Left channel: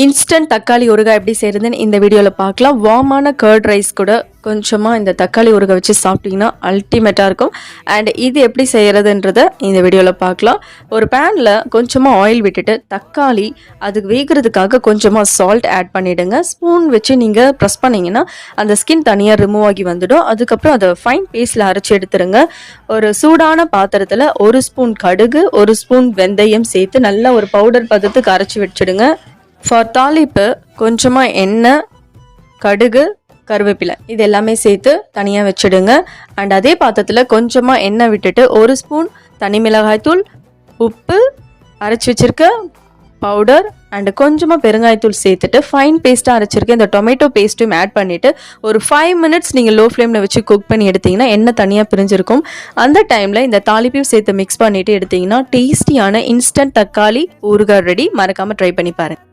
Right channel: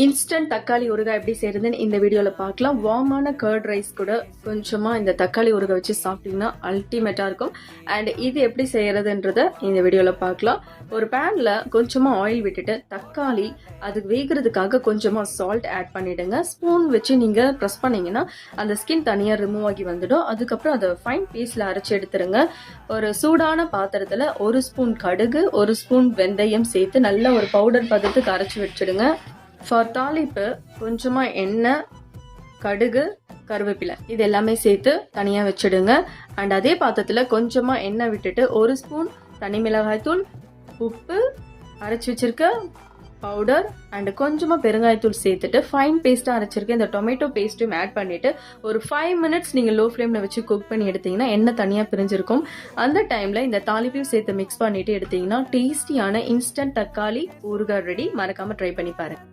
Instant தக்காளி ஊறுகாய் எப்படி செய்கிறதுன்னு இந்த வீடியோவில் பார்க்கலாம். வார்மான கர்ட் ரைஸ் கூட கொஞ்சமாக இந்த தக்காளி ஊறுகாய் வச்சு சாப்பிட்டிங்கன்னா அல்டிமேட்டாக இருக்கும். அண்ட் இது எப்படி செய்கிறதுன்றதை இந்த வீடியோவில் பார்க்கலாம். ஒரு பேனில் கொஞ்சமாக ஆயில் விட்டுட்டு தக்காளி அதுக்கு வேகிறதுக்காக கொஞ்சமாக சால்ட் ஆட் பண்ணிவிடுங்க. ஸ்பூன் வச்சு நீங்கள் ப்ரெஸ் பண்ணிங்கன்னா அந்த ஸ்கின் தனியாக ரிமூவ் ஆகி வந்துடும். அதுக்கப்புறம் அதை ஃபைன் பேஸ்ட்டில் அரைச்சி எடுத்துருங்க. ஒரு சூடான பாத்திரத்தில் 1 ஸ்பூன் கடுகு 1 ஸ்பூன் வெந்தயம் சேர்த்து நல்லா ஒரு பவுடர் பதத்துக்கு அரைச்சி வச்சுடுங்க. ஃபார் தாளிப்பு கொஞ்சமாக எண்ணெய், கடுகு, கருவேப்பிலை இது எல்லாமே சேர்த்து தனியாக வச்சுடுங்க. அண்ட் அதே பாத்திரத்தில் கொஞ்சமாக எண்ணெய் விட்டுட்டு 1 ஸ்பூன் தனி மிளகாய்த்தூள், உப்பு, அரைச்சி வச்சுருக்க பவுடர் அண்டு கொஞ்சமாக பெருங்காயத்தூள் சேர்த்துட்டு ஃபைன் பேஸ்ட்டாக அரைச்சிருக்க இந்த டொமேட்டோ பேஸ்ட்டும் ஆட் பண்ணிவிட்டு ஒரு 5 மினிட்ஸ் நீங்கள் லோ ஃப்ளேமில் வச்சு குக் பண்ணி எடுத்திங்கன்னா எண்ணெய் தனியாக பிரிஞ்சிருக்கும். அந்த டைமில் இந்த தாளிப்பையும் சேர்த்து மிக்ஸ் பண்ணிவிட்டு எடுத்திங்கன்னா டேஸ்டியான இன்ஸ்டன்ட் தக்காளி ஊறுகாய் ரெடி. மறக்காமல் ட்ரை பண்ணி பாருங்கள்.